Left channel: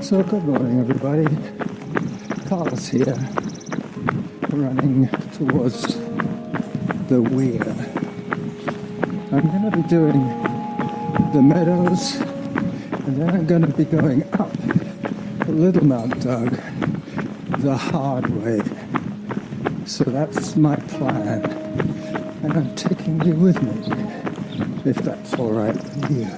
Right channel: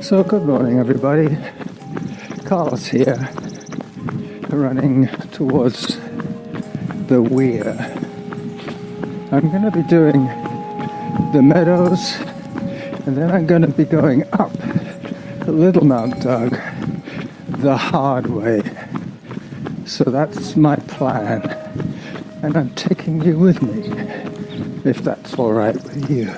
So good morning everybody, Carlos here, running towards the weir. I'm going to be doing the Meadows and then I'm going to be going up the little Mt.Doug the hard way. So that's my plan and I'm taking you with me if that's alright with you.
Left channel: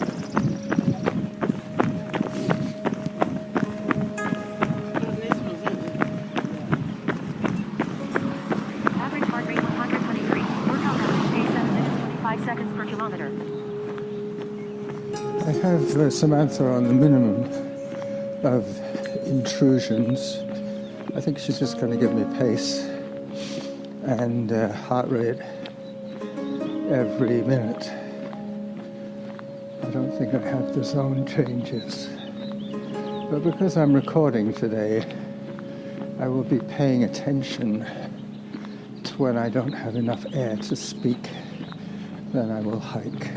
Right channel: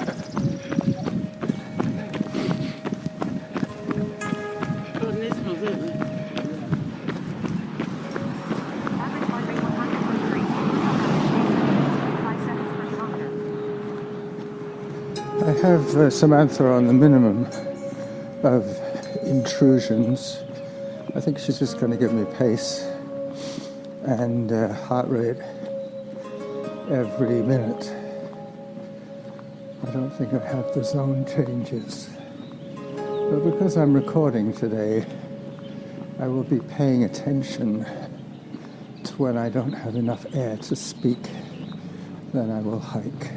I have Samantha on the minimum of intrusions. I think she's just going to give me pace and heart rate every minute. I don't think I have the zone changes. But because I'm recording today, I will be paying attention to when I don't have enough air to speak, then I will hike.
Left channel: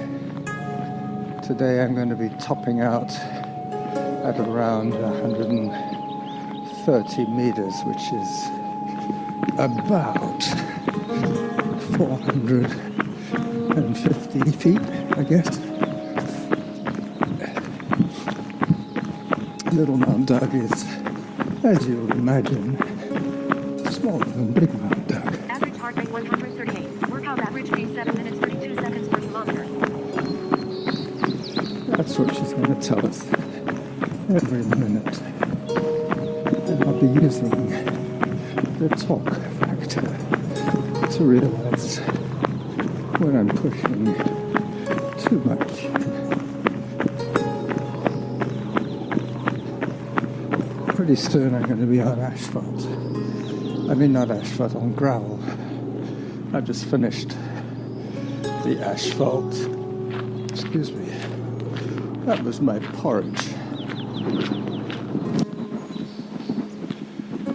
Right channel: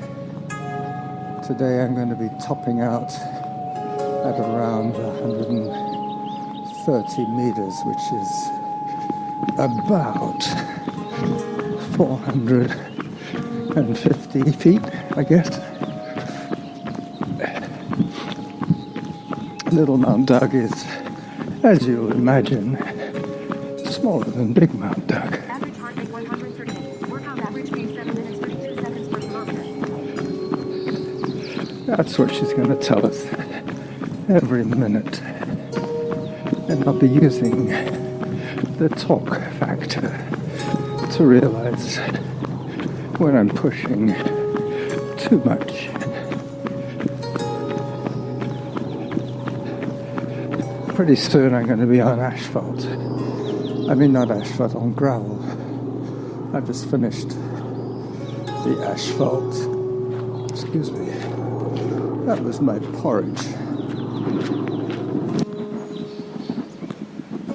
Today I'm going to be topping out at around 130 meters, which is about 450 feet, I guess. Little Mt.Doug is, as you would imagine, smaller than Big Mt.Doug. Average heart rate 138. Workout average pace 7 minutes 32 seconds per kilometer. That's what she's going to tell us every minute. And I'll be using the talk factor to realize when I'm pushing too much. Pretty soon I'm going to be on asphalt. I mean not asphalt, on gravel. I just finished the asphalt. Excuse me. That was my porridge.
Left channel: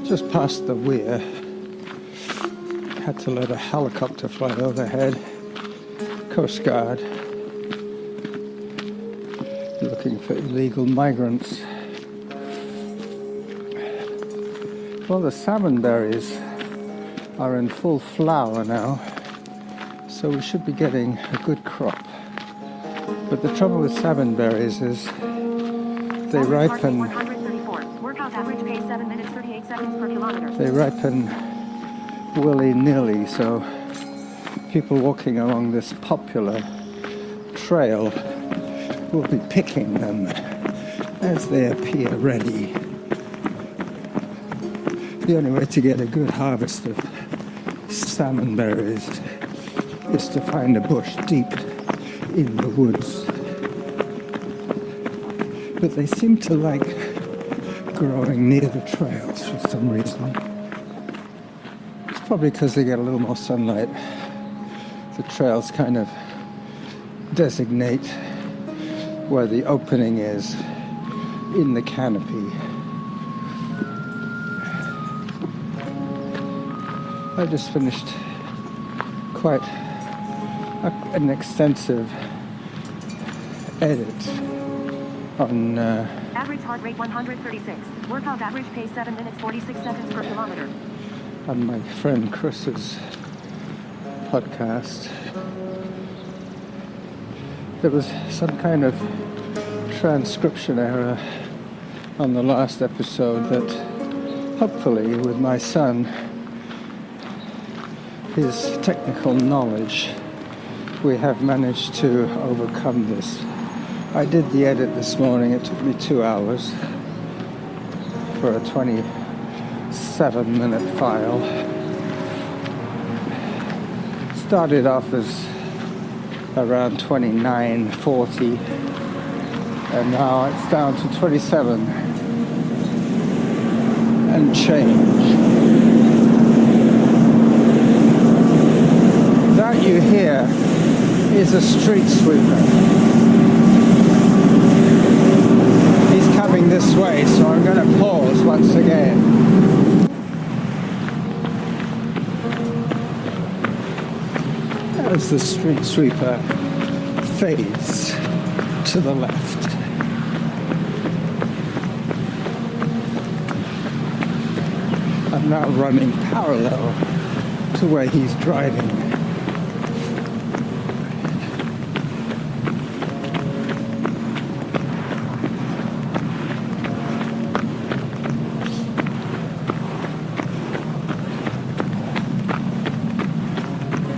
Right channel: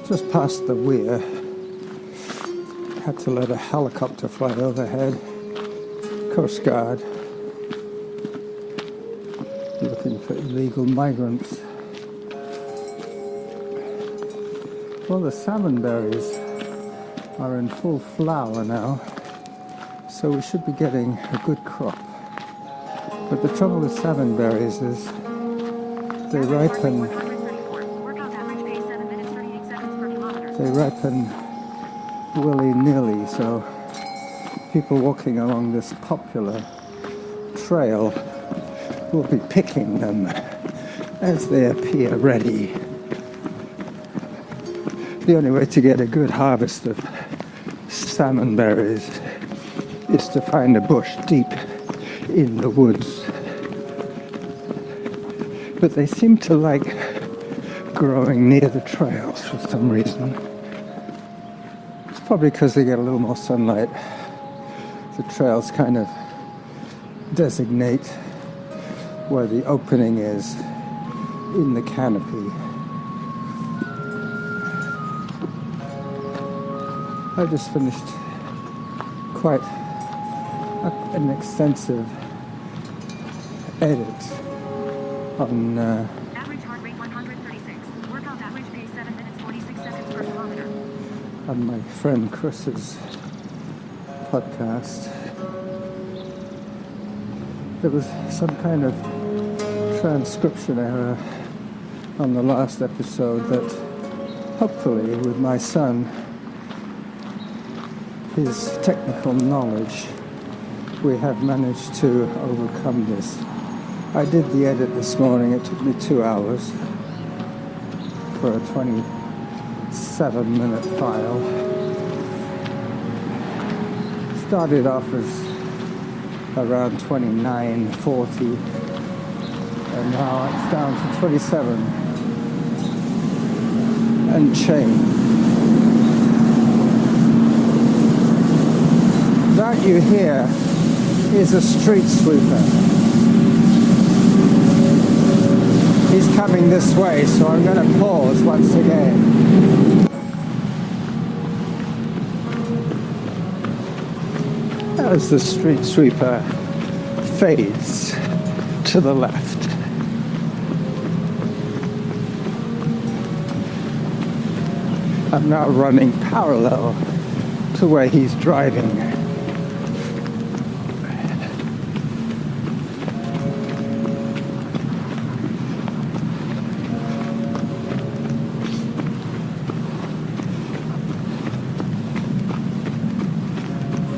Just past the weir. Had to let a helicopter fly overhead. Coast Guard. Looking for illegal migrants. Well, the salmon berries are in full flower now, so we should be getting a good crop. But the trouble with salmon berries is they ripen willy-nilly, so people walking along this popular trail will be picking them as they appear ready. The only way to get a good harvest of salmon berries is to find a bush deep in the woods. But they seem to like growing near the trails for some reason. It's probably because they get a little more sunlight. The trails kind of designate where the opening is in the canopy. I just finished quite an extensive edit on average heart rate 136. Workout average pace 7 minutes 46 seconds per kilometer. On my friend Chris's podcast. There was some kind of transcription error on the last episode that hopefully with my son, his technical knowledge, we have managed to overcome this. I did the edit this morning. It took me 2 hours for a 27-minute file. Started off as around 29:40 and now it's down to 27 and change. That you hear is a street sweeper. He's coming this way, so I'm going to pause once again. As the street sweeper fades to the left. I'm now running parallel to where he's driving.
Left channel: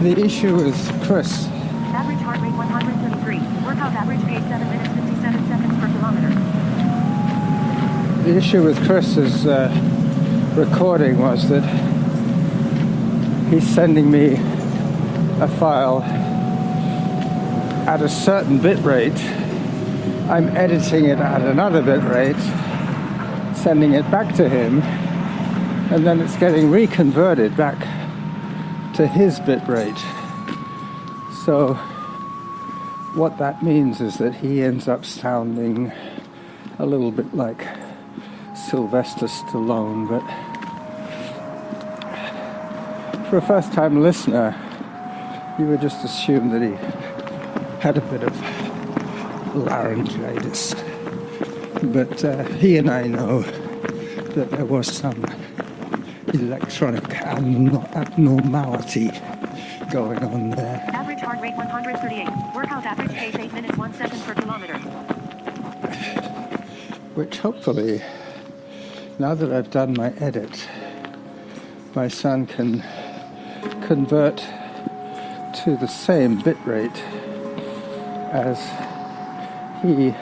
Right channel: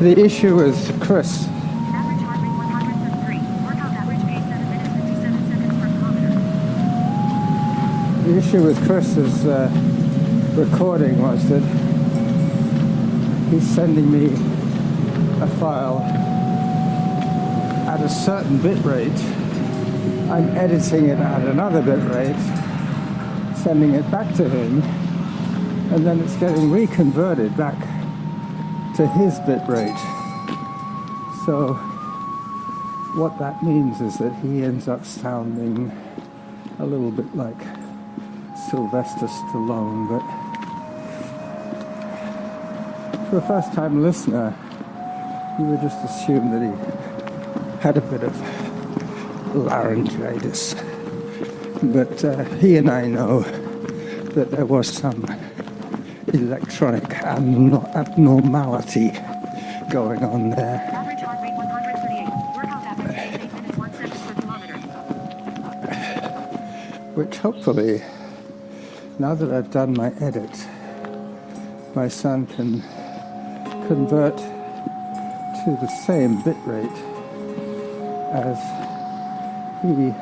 The issue is Chris. Average heart rate 153. Workout average pace 7 minutes 57 seconds per kilometer. The issue with Chris's recording was that he's sending me a file at a certain bit rate. I'm editing it at another bit rate, sending it back to him, and then it's getting reconverted back to his bit rate. So what that means is that he ends up sounding a little bit like Sylvester Stallone, but for a first-time listener, you would just assume that he had a bit of laryngitis. But he and I know that there was some electronic abnormality going on there. Average heart rate 138. Workout average pace 8 minutes 1 second per kilometer. Which hopefully, now that I've done my edit, my son can convert to the same bit rate as he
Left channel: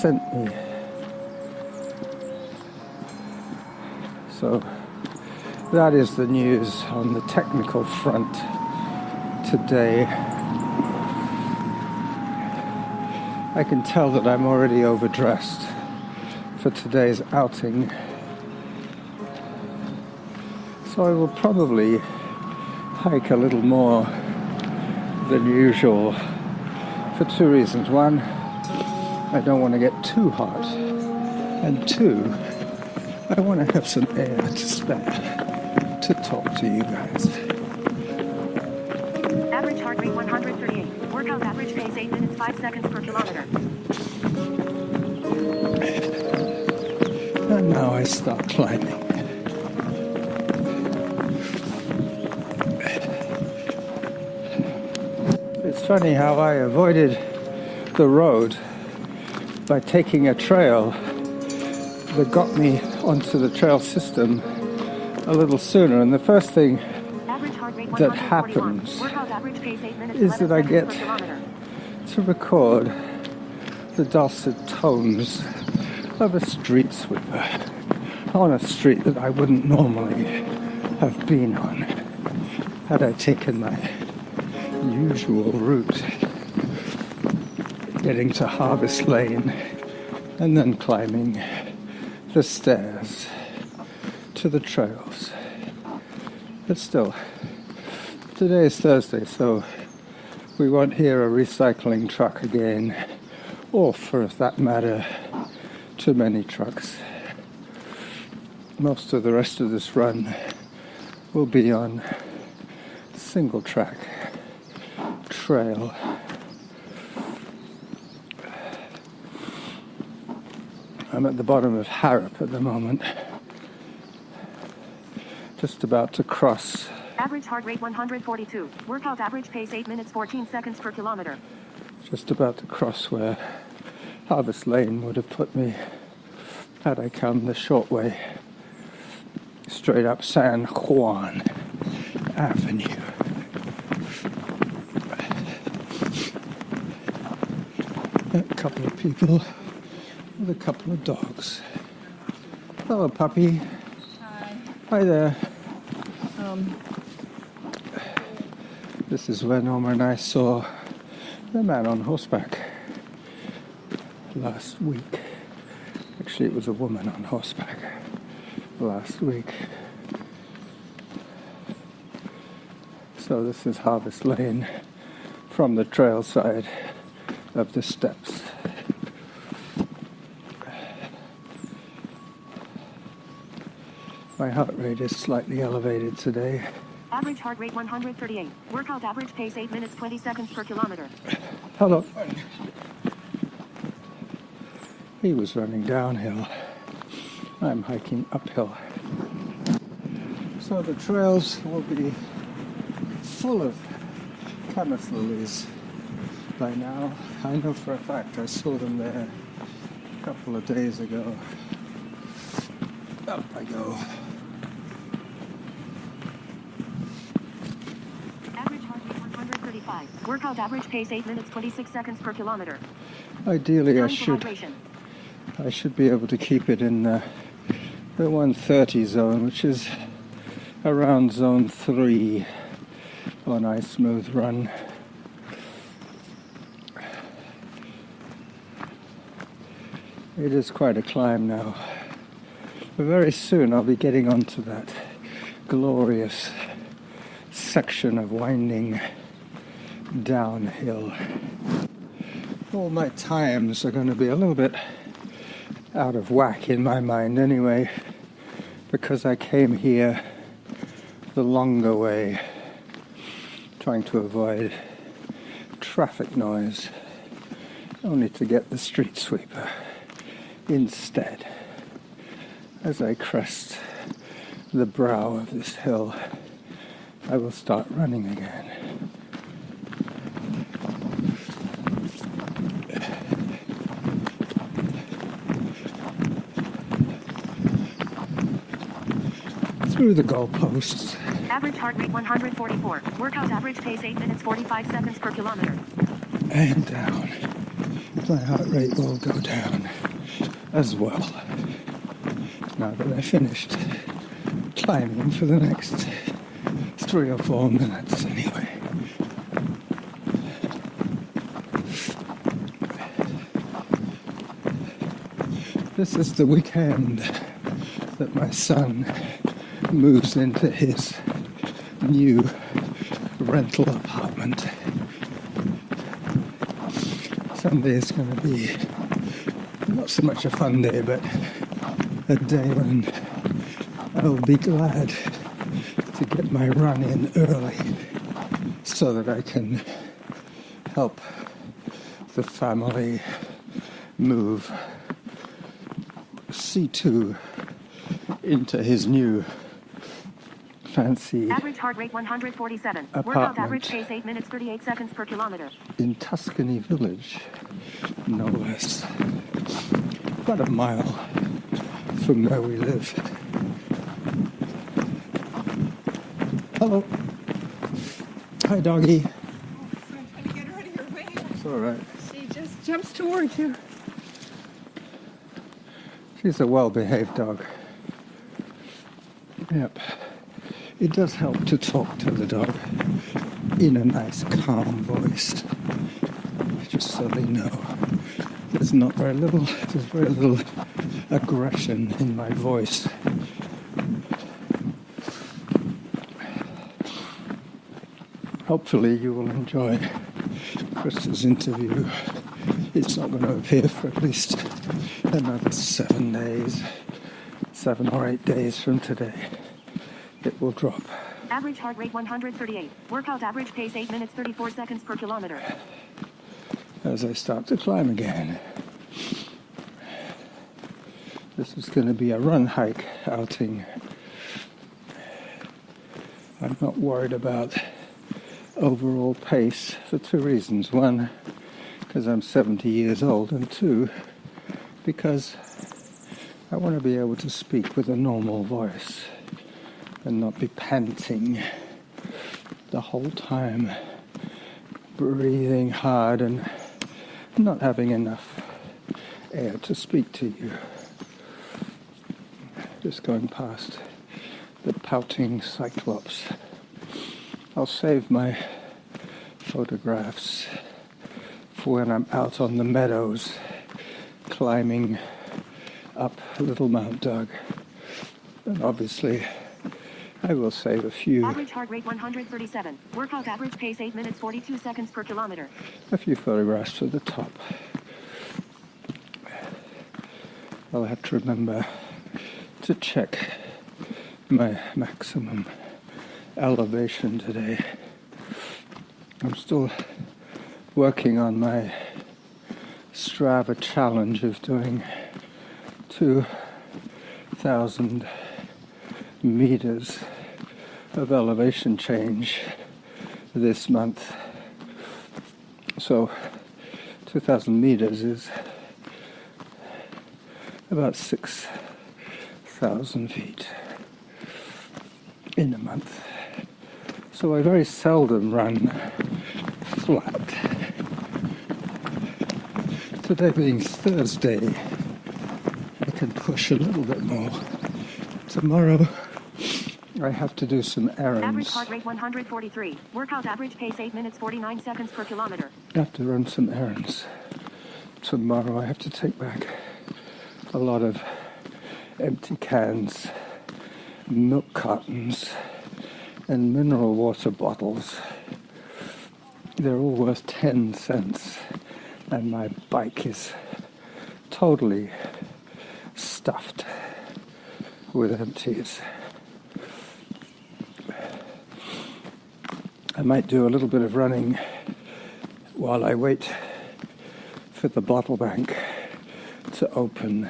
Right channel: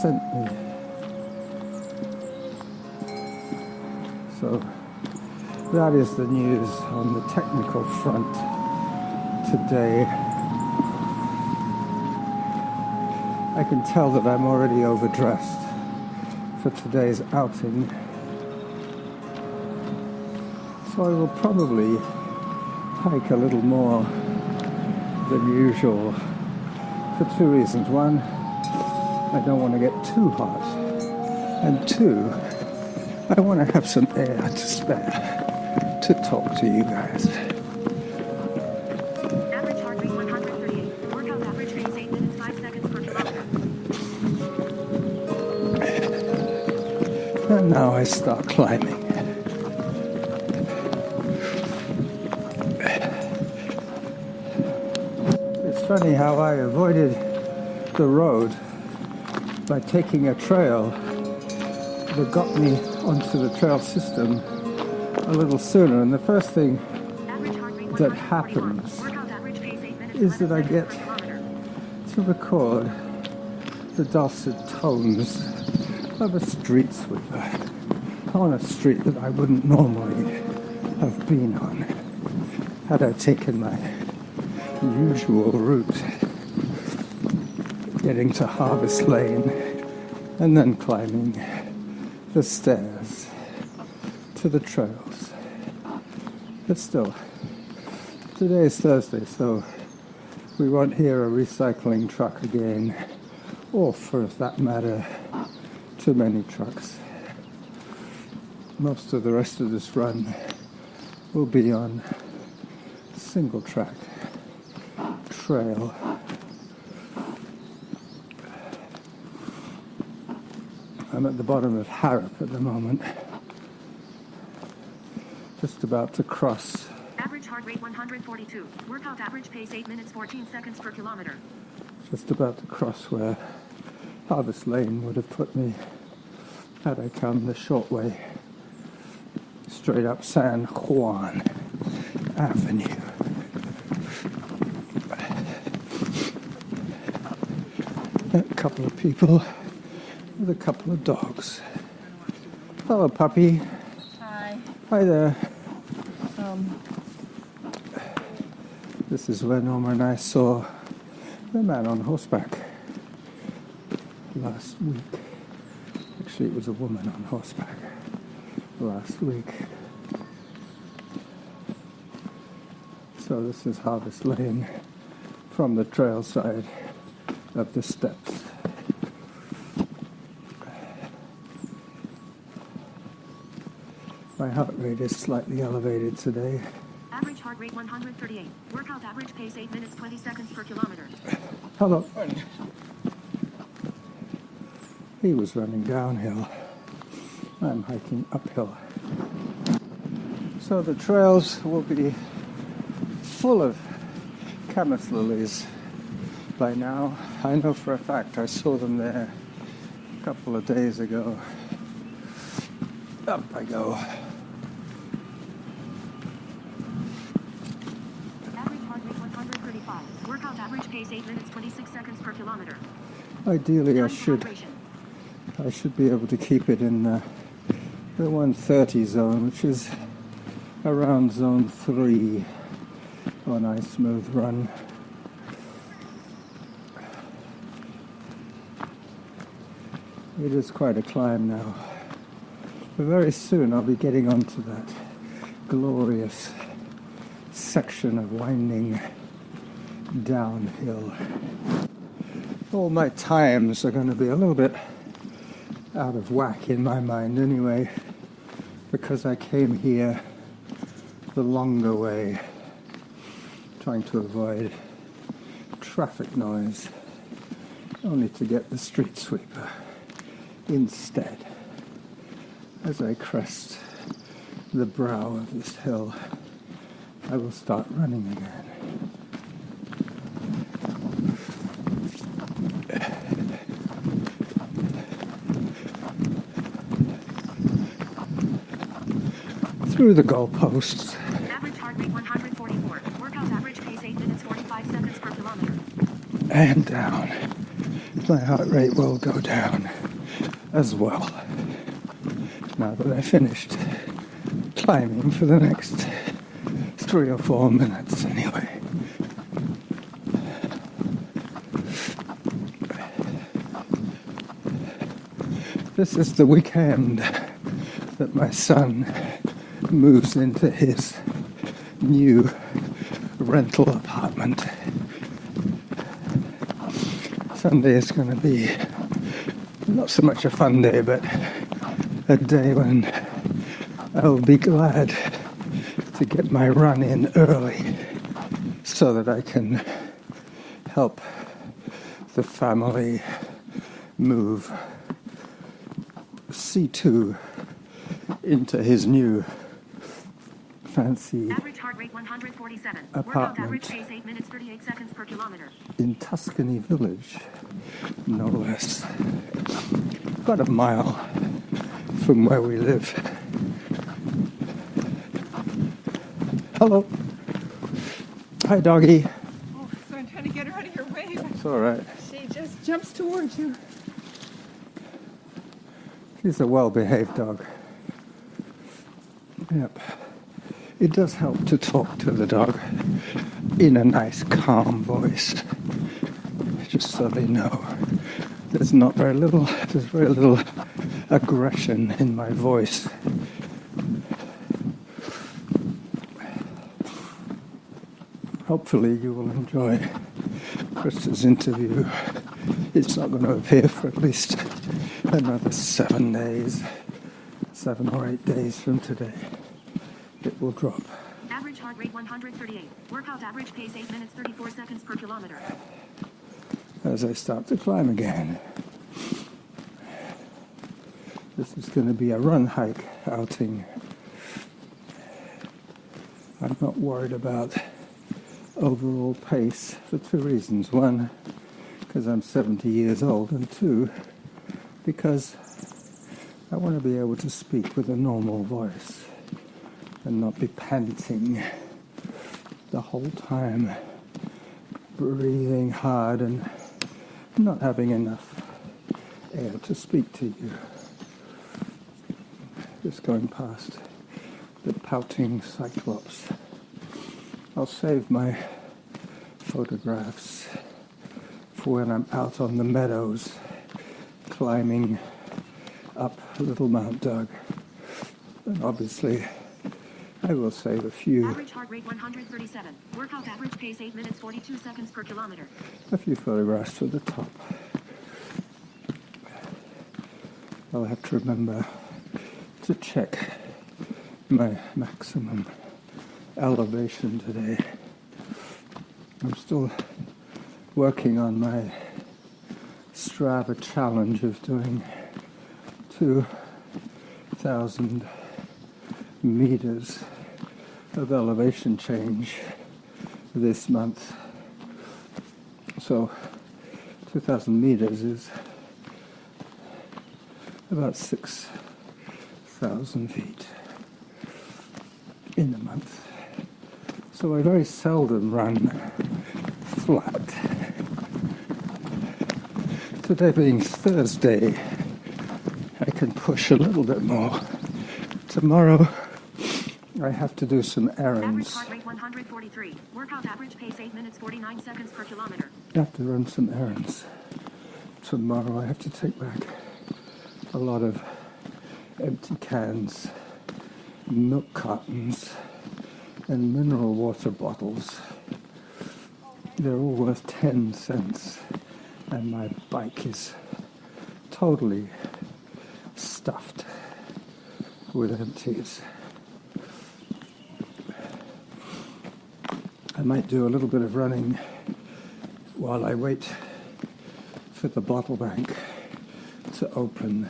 sent me. So that is the news on the technical front today. I can tell that I'm already overdressed for today's outing. So I will probably hike a little more than usual for two reasons. One, I don't want to get too hot. And two, I want to have some air to spare to talk to you guys. Average heart rate 138. Workout average pace 8 minutes 5 seconds per kilometer. And now I start climbing. It's funny how I avoided the road by taking a trail that got me onto the trail system a little sooner. And the first thing that happens is that I get to record the dulcet tones of a street sweeper on a street that I wouldn't normally have been on had I taken my usual route, getting to Harvest Lane and then climbing the stairs to the trails. But still, today is Thursday, so we won't hear a recycling truck again, or for that matter, too many trucks. Most of the rest of this run will be on single track trail. I'm at the bottom of Harrop at the moment, just about to cross. Average heart rate 142. Workout average pace 8 minutes 14 seconds per kilometer. Just about to cross where Harvest Lane would have put me had I come the short way, straight up San Juan Avenue. A couple of people with a couple of dogs. Hello, puppy. Hi. Hi there. This is where Norma and I saw the man on horseback last week. Actually, it was a woman on horseback last week. So this is Harvest Lane from the trail side of the steps. My heart rate is slightly elevated today. Average heart rate 138. Workout average pace 8 minutes 20 seconds per kilometer. Hello. He was running downhill. I'm hiking uphill. So the trails will be full of camas lilies by now. I know for a fact I saw them there a couple of days ago. Up I go. Average heart rate 135. Workout average pace 8 minutes 26 seconds per kilometer. Ideally, I Time for hydration. should be able to keep it in the 130 zone, which is around zone 3 on a smooth run. It is quite a climb now. But very soon I'll be getting onto that glorious section of winding downhill. All my times are going to be a little bit out of whack in my mind anyway, because I came here the longer way, trying to avoid traffic noise, only to get the street sweeper instead. As I crest the brow of this hill, I will start running again. Through the goalposts. Average heart rate 144. Workout average pace 8 minutes 45 seconds per kilometer. And down. My heart rate will go down as well, now that I finished climbing for the next 3 or 4 minutes anyway. This is the weekend that my son moves into his new rental apartment. Sunday is going to be not so much a fun day, but a day when I'll be glad to get my run in early so that I can help the family move C2 into his new fancy Average heart rate 147. Workout apartment average pace 8 minutes 38 seconds per kilometer. in Tuscany Village, no less. About a mile from where we live. Hello. Hi, doggy. Oh, so I'm trying to get her out of your way. It's all right. She just jumps towards you. She's a well-behaved dog. Yep. It does help to talk to the dog in a nice, calm voice, just so they know there's very little aggression in my voice. Hopefully you will enjoy Chris's interview. It's not going to appear for at least another 7 days, 7 or 8 days from today. It will drop. Average heart rate 138. Workout average pace 8 minutes 34 seconds per kilometer. As I start to climb again. This is going to be a run hike outing. I'm not worried about overall pace for 2 reasons. 1, because I'm 70 years old, and 2, because I want to be able to speak with a normal voice and not be panting the whole time, breathing hard and not having enough air to speak to you. Just going past the pouting cyclops. I'll save my photographs for when I'm out on the meadows climbing up little Mt.Doug. And obviously I will save a few Average heart rate 137. Workout average pace 8 minutes 42 seconds per kilometer. photographs for the top. I'll have to remember to check my maximum elevation today. I'm still working on my Strava challenge of doing 2,000 meters of elevation change this month. So 2,000 meters is about 6,000 feet in a month. So I very seldom run flat. Today being Thursday, I can push a little bit more. Tomorrow, I have to do some Average errands. heart rate 143. Workout average pace 8 minutes 49 seconds per kilometer. I have to run some errands. Tomorrow, I have to take back a lot of empty cans, milk cartons, and mineral water bottles. They're all worth 10 cents, and my bike is totally stuffed with empties. I might do a little bit of running while I wait for the bottle bank to open.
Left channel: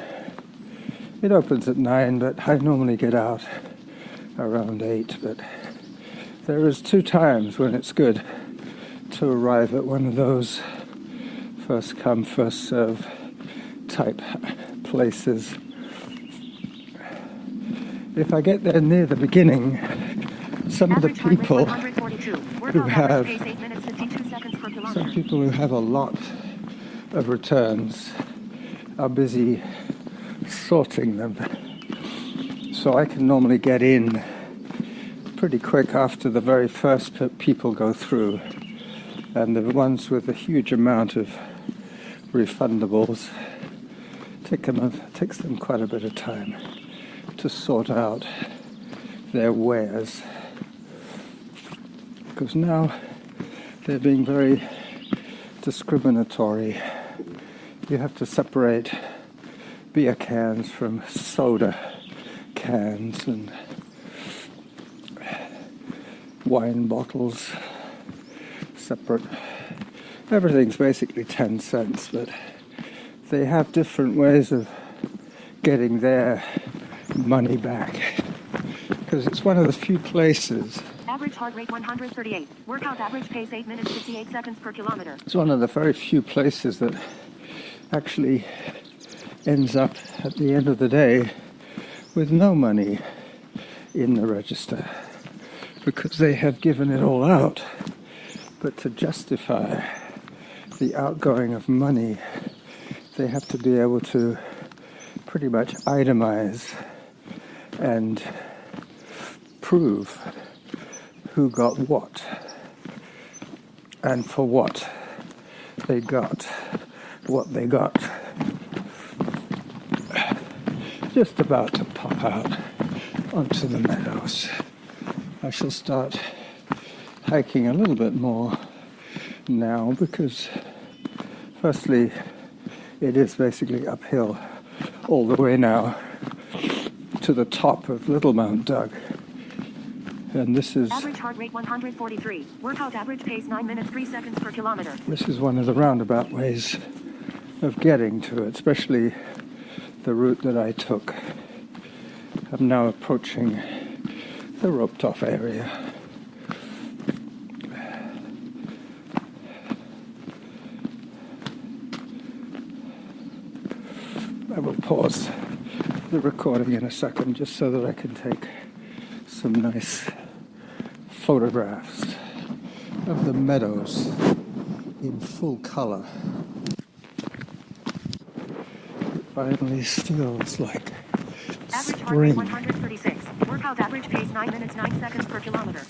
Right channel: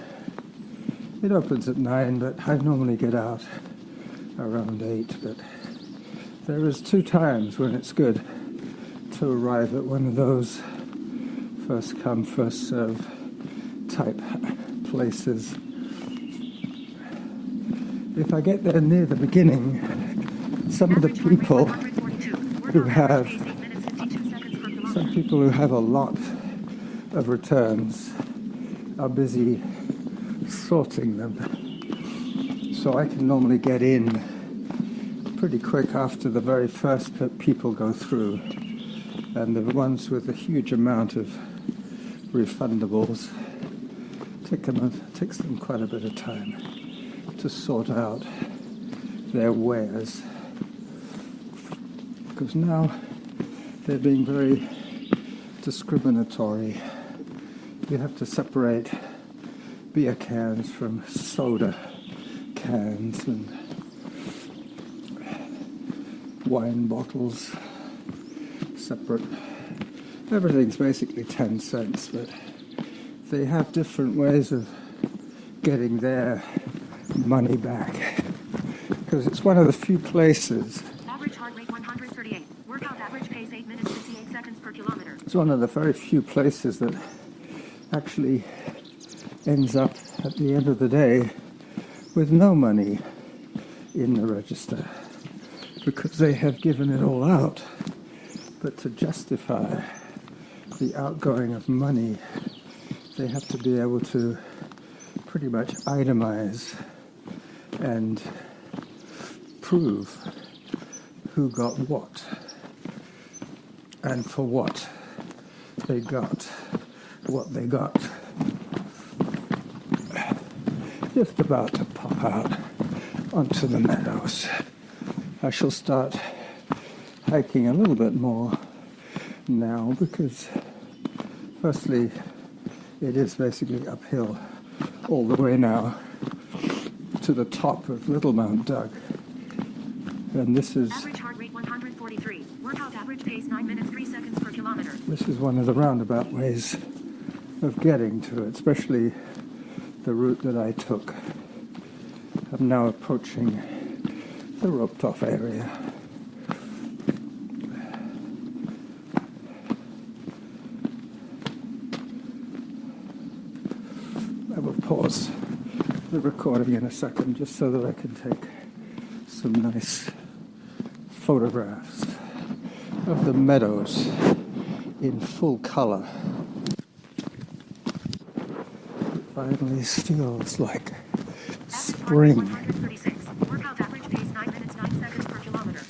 It opens at 9, but I normally get out around 8, but there is 2 times when it's good to arrive at one of those first come, first serve type places. If I get there near the beginning, some of the people who have a lot of returns are busy sorting them. So I can normally get in pretty quick after the very first people go through. And the ones with a huge amount of refundables takes them quite a bit of time to sort out their wares. Because now they're being very discriminatory. You have to separate beer cans from soda cans and wine bottles separate. Everything's basically 10 cents, but they have different ways of getting their money back. Because it's one of the few places. Average heart rate 138. Workout average pace 8 minutes 58 seconds per kilometer. It's one of the very few places that actually ends up at the end of the day with no money in the register, because they have given it all out. But to justify the outgoing of money, they have to be able to pretty much itemize and prove who got what and for what they got what they got. Just about to pop out onto the meadows. I shall start hiking a little bit more now because firstly it is basically uphill all the way now to the top of Little Mt.Doug. And this is average heart rate 143. Workout average pace 9 minutes 3 seconds per kilometer. This is one of the roundabout ways of getting to it, especially the route that I took. I'm now approaching the roped off area. I will pause the recording in a second just so that I can take some nice photographs of the meadows in full color. It finally feels like Average heart rate spring. 136. Workout average pace 9 minutes 9 seconds per kilometer.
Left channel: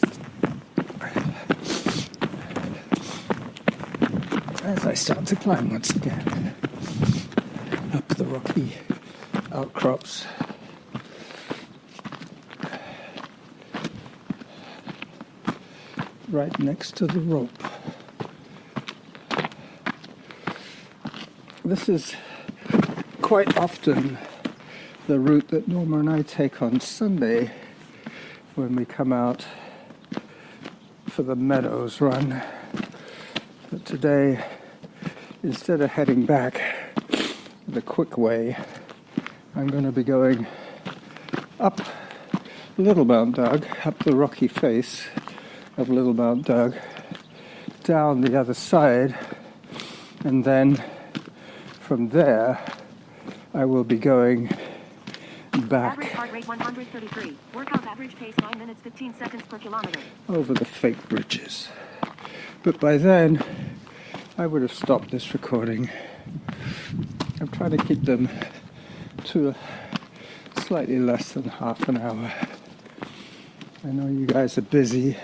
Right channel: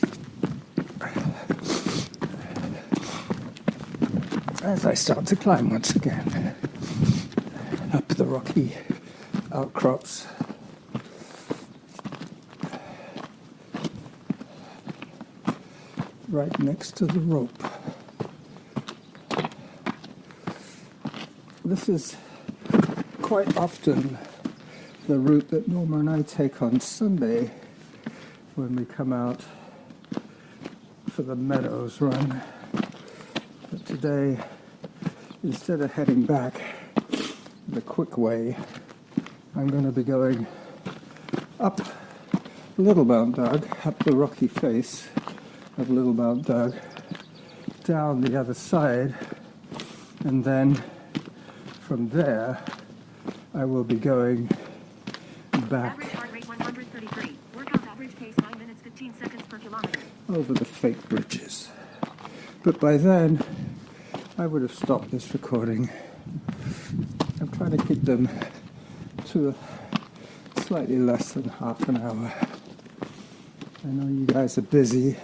As I start to climb once again up the rocky outcrops. Right next to the rope. This is quite often the route that Norma and I take on Sunday when we come out for the Meadows run. But today, instead of heading back the quick way, I'm going to be going up Little Mt.Doug, up the rocky face of Little Mt.Doug, down the other side, and then from there I will be going Average back heart rate 133. Workout average pace 9 minutes 15 seconds per kilometer. over the fake bridges. But by then I would have stopped this recording. I'm trying to keep them to slightly less than half an hour. I know you guys are busy,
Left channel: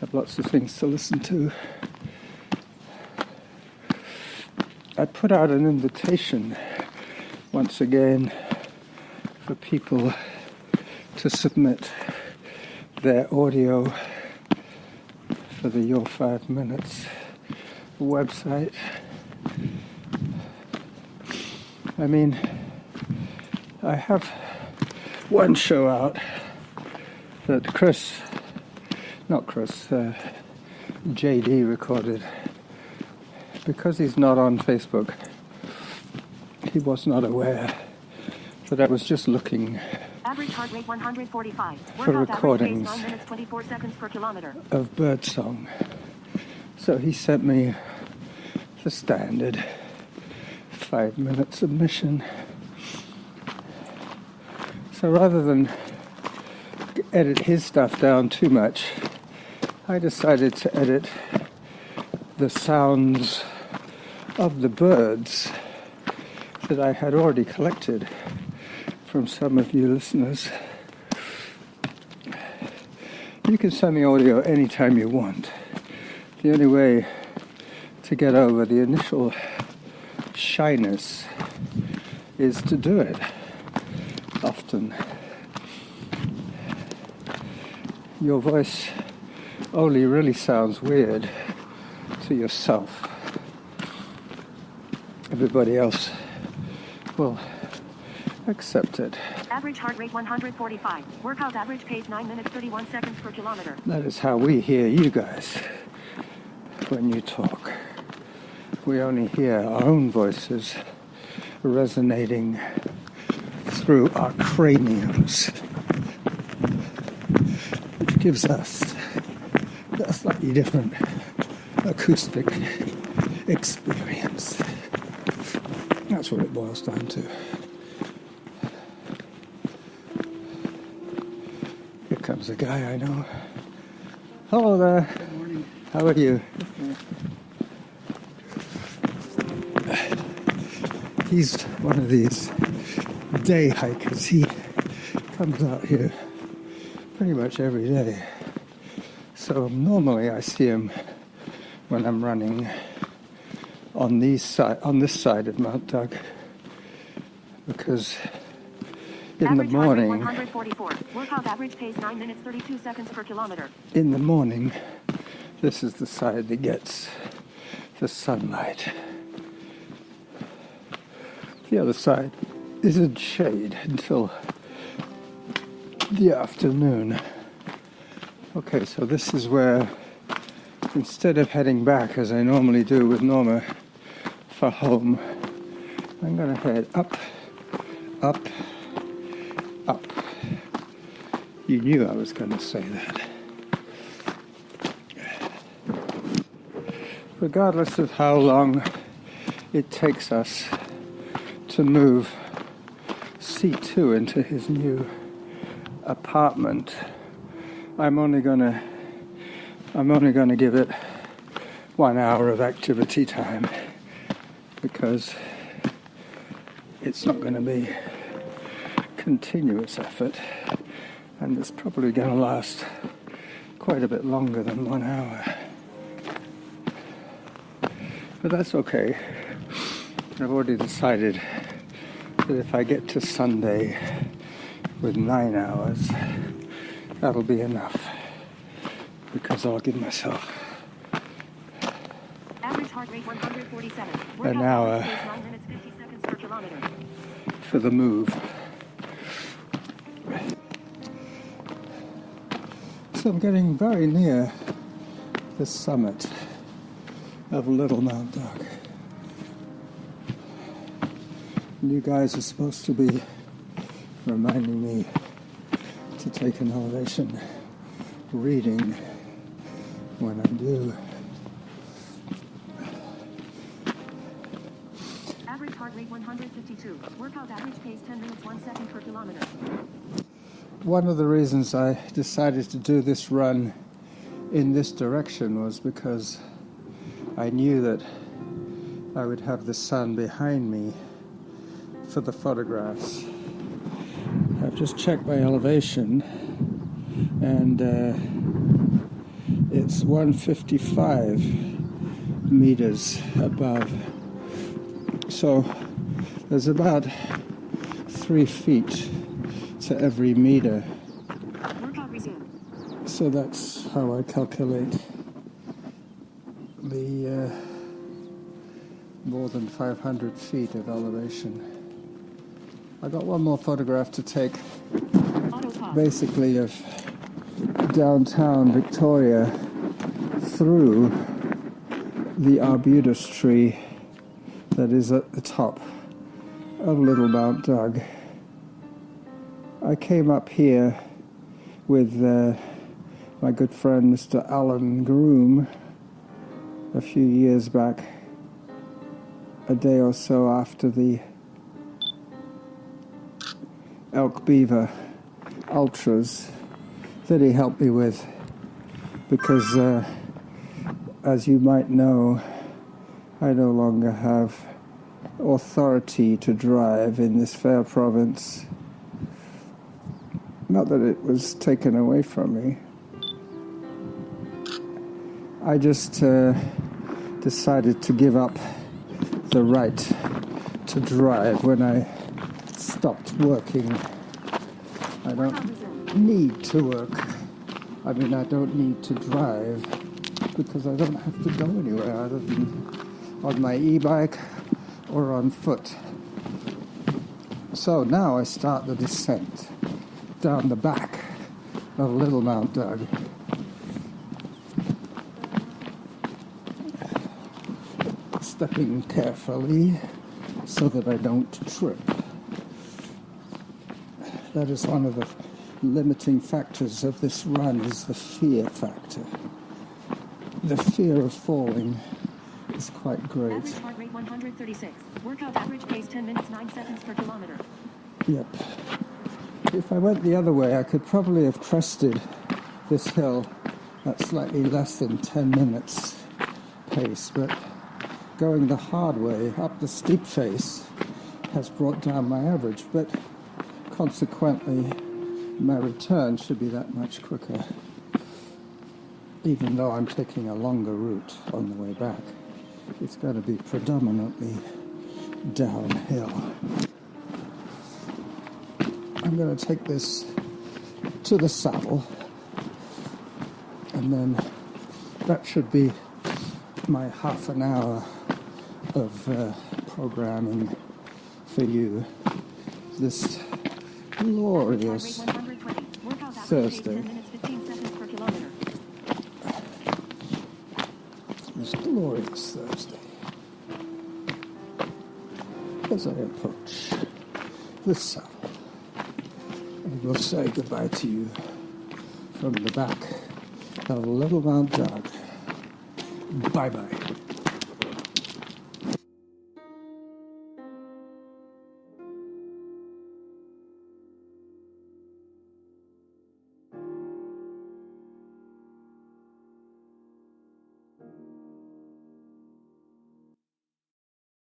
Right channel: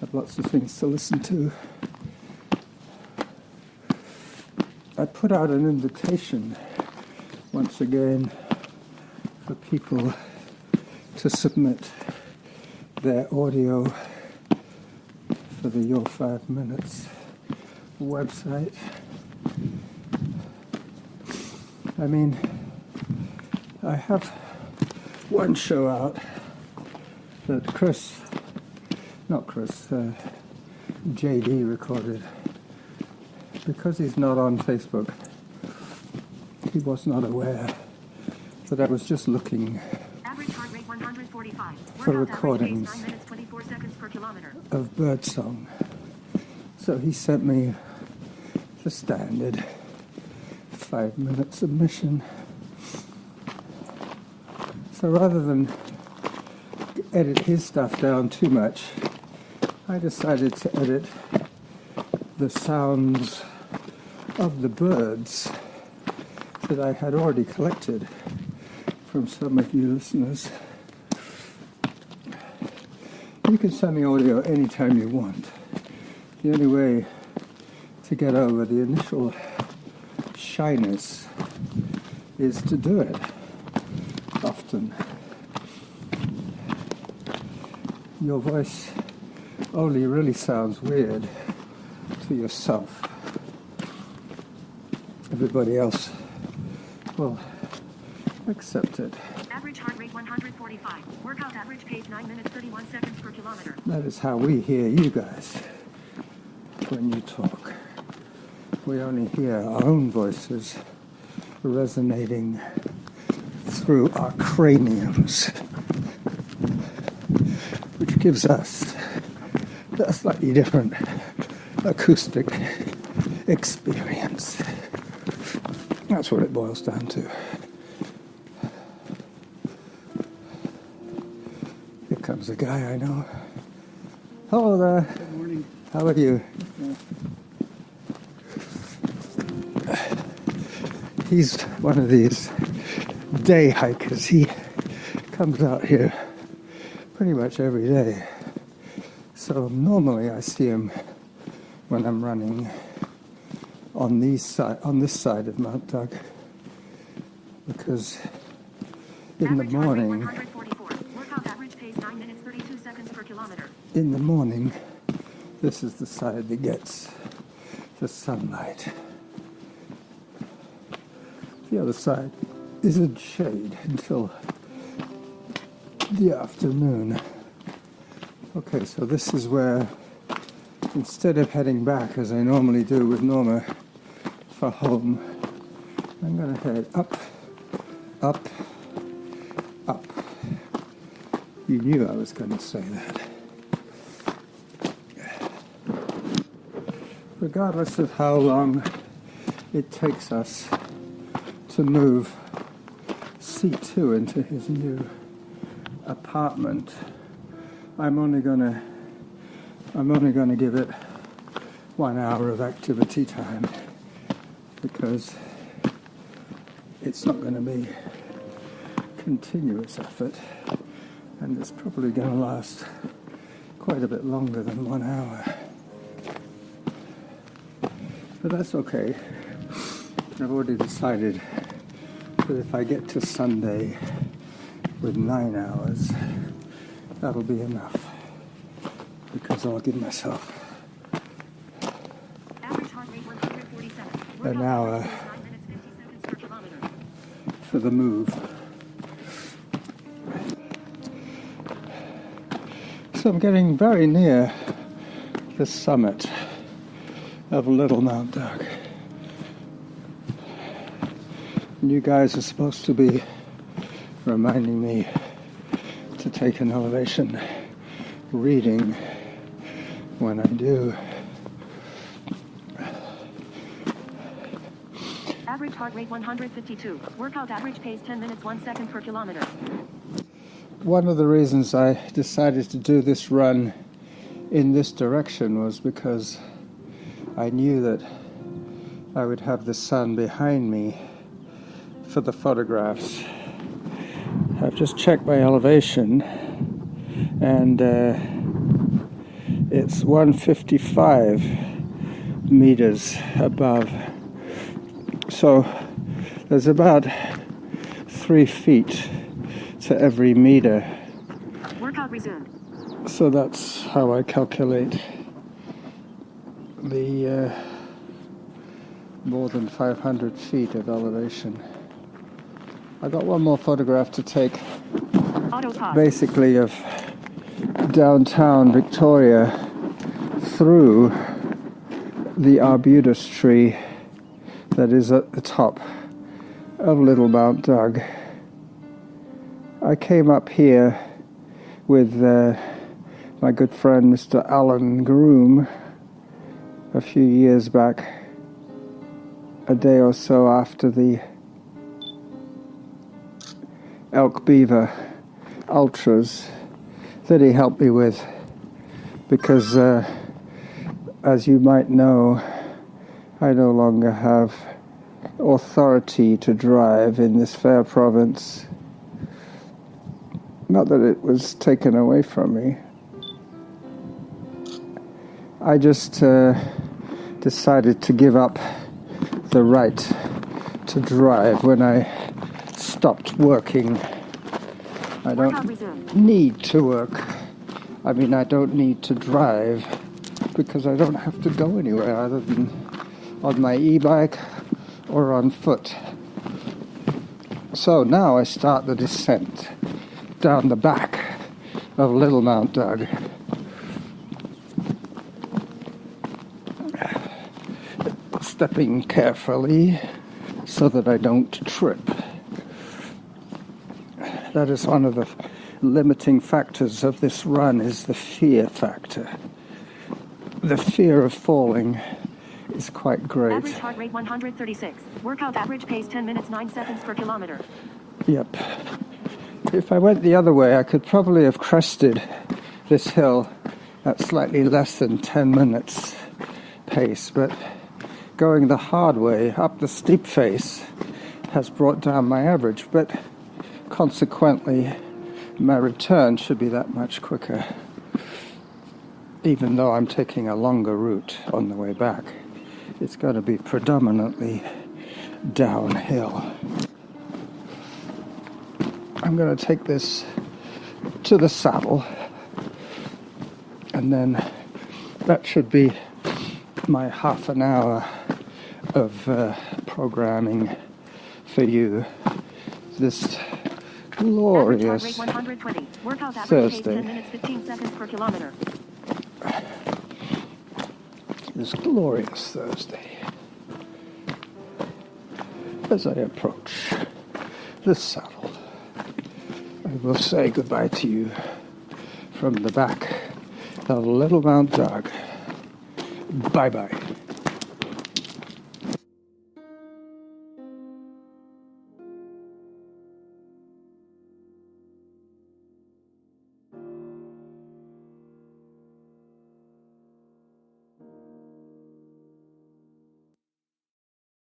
have lots of things to listen to. I put out an invitation once again for people to submit their audio for the Your 5 Minutes website. I mean, I have one show out that JD recorded. Because he's not on Facebook, he was not aware that I was just looking Average heart rate 145. for Workout recordings average pace 9 minutes 24 seconds per kilometer. of birdsong. So he sent me the standard 5-minute submission. So rather than edit his stuff down too much, I decided to edit the sounds of the birds that I had already collected from some of you listeners. You can send me audio anytime you want. The only way to get over the initial shyness is to do it often. Your voice only really sounds weird to yourself. Everybody else will accept it. Average heart rate 145. Workout average pace 9 minutes 31 seconds per kilometer. That is how we hear you guys when you talk. We only hear our own voices resonating through our craniums, which gives us a slightly different acoustic experience. That's what it boils down to. Here comes a guy I know. Hello there. Good morning. How are you? He's one of these day hikers. He comes out here pretty much every day. So normally I see him when I'm running on this side of Mt.Doug, because in the Average heart rate morning, 144. Workout average pace 9 minutes 32 seconds per kilometer. in the morning, this is the side that gets the sunlight. The other side is in shade until the afternoon. Okay, so this is where, instead of heading back as I normally do with Norma for home, I'm going to head up, up, up. You knew I was going to say that. Regardless of how long it takes us to move C2 into his new apartment, I'm only gonna give it 1 hour of activity time, because it's not going to be continuous effort, and it's probably going to last quite a bit longer than 1 hour. But that's okay. I've already decided that if I get to Sunday with 9 hours, that'll be enough, because I'll give myself Average heart rate 147. an Workout hour average pace 9 minutes 50 seconds per kilometer. for the move. So I'm getting very near the summit of Little Mt.Doug. You guys are supposed to be reminding me to to take an elevation reading when I'm due. Average heart rate 152. Workout average pace 10 minutes 1 second per kilometer. One of the reasons I decided to do this run in this direction was because I knew that I would have the sun behind me for the photographs. I've just checked my elevation, and it's 155 meters above. So there's about 3 feet to every meter. Workout resumed. So that's how I calculate the more than 500 feet of elevation. I got one more photograph to take, Auto pause. basically of downtown Victoria through the arbutus tree that is at the top of Little Mt.Doug. I came up here with my good friend Mr. Alan Groom a few years back, a day or so after the Elk Beaver Ultras that he helped me with, because as you might know, I no longer have authority to drive in this fair province. Not that it was taken away from me. I just decided to give up the right to drive when I stopped working. I don't need to work. I mean, I don't need to drive because I don't have to go anywhere other than on my e-bike or on foot. So now I start the descent down the back of Little Mt.Doug. Stepping carefully so that I don't trip. That is one of the limiting factors of this run, is the fear factor. The fear of falling is quite great. Average heart rate 136. Workout average pace 10 minutes 9 seconds per kilometer. Yep. If I went the other way, I could probably have crested this hill at slightly less than 10 minutes pace, but going the hard way up the steep face has brought down my average, but consequently my return should be that much quicker, even though I'm taking a longer route on the way back. It's going to be predominantly downhill. I'm going to take this to the saddle, and then that should be my half an hour of programming for you this glorious Thursday. This glorious Thursday. As I approach the saddle, I will say goodbye to you from the back of Little Mt.Doug. Bye-bye.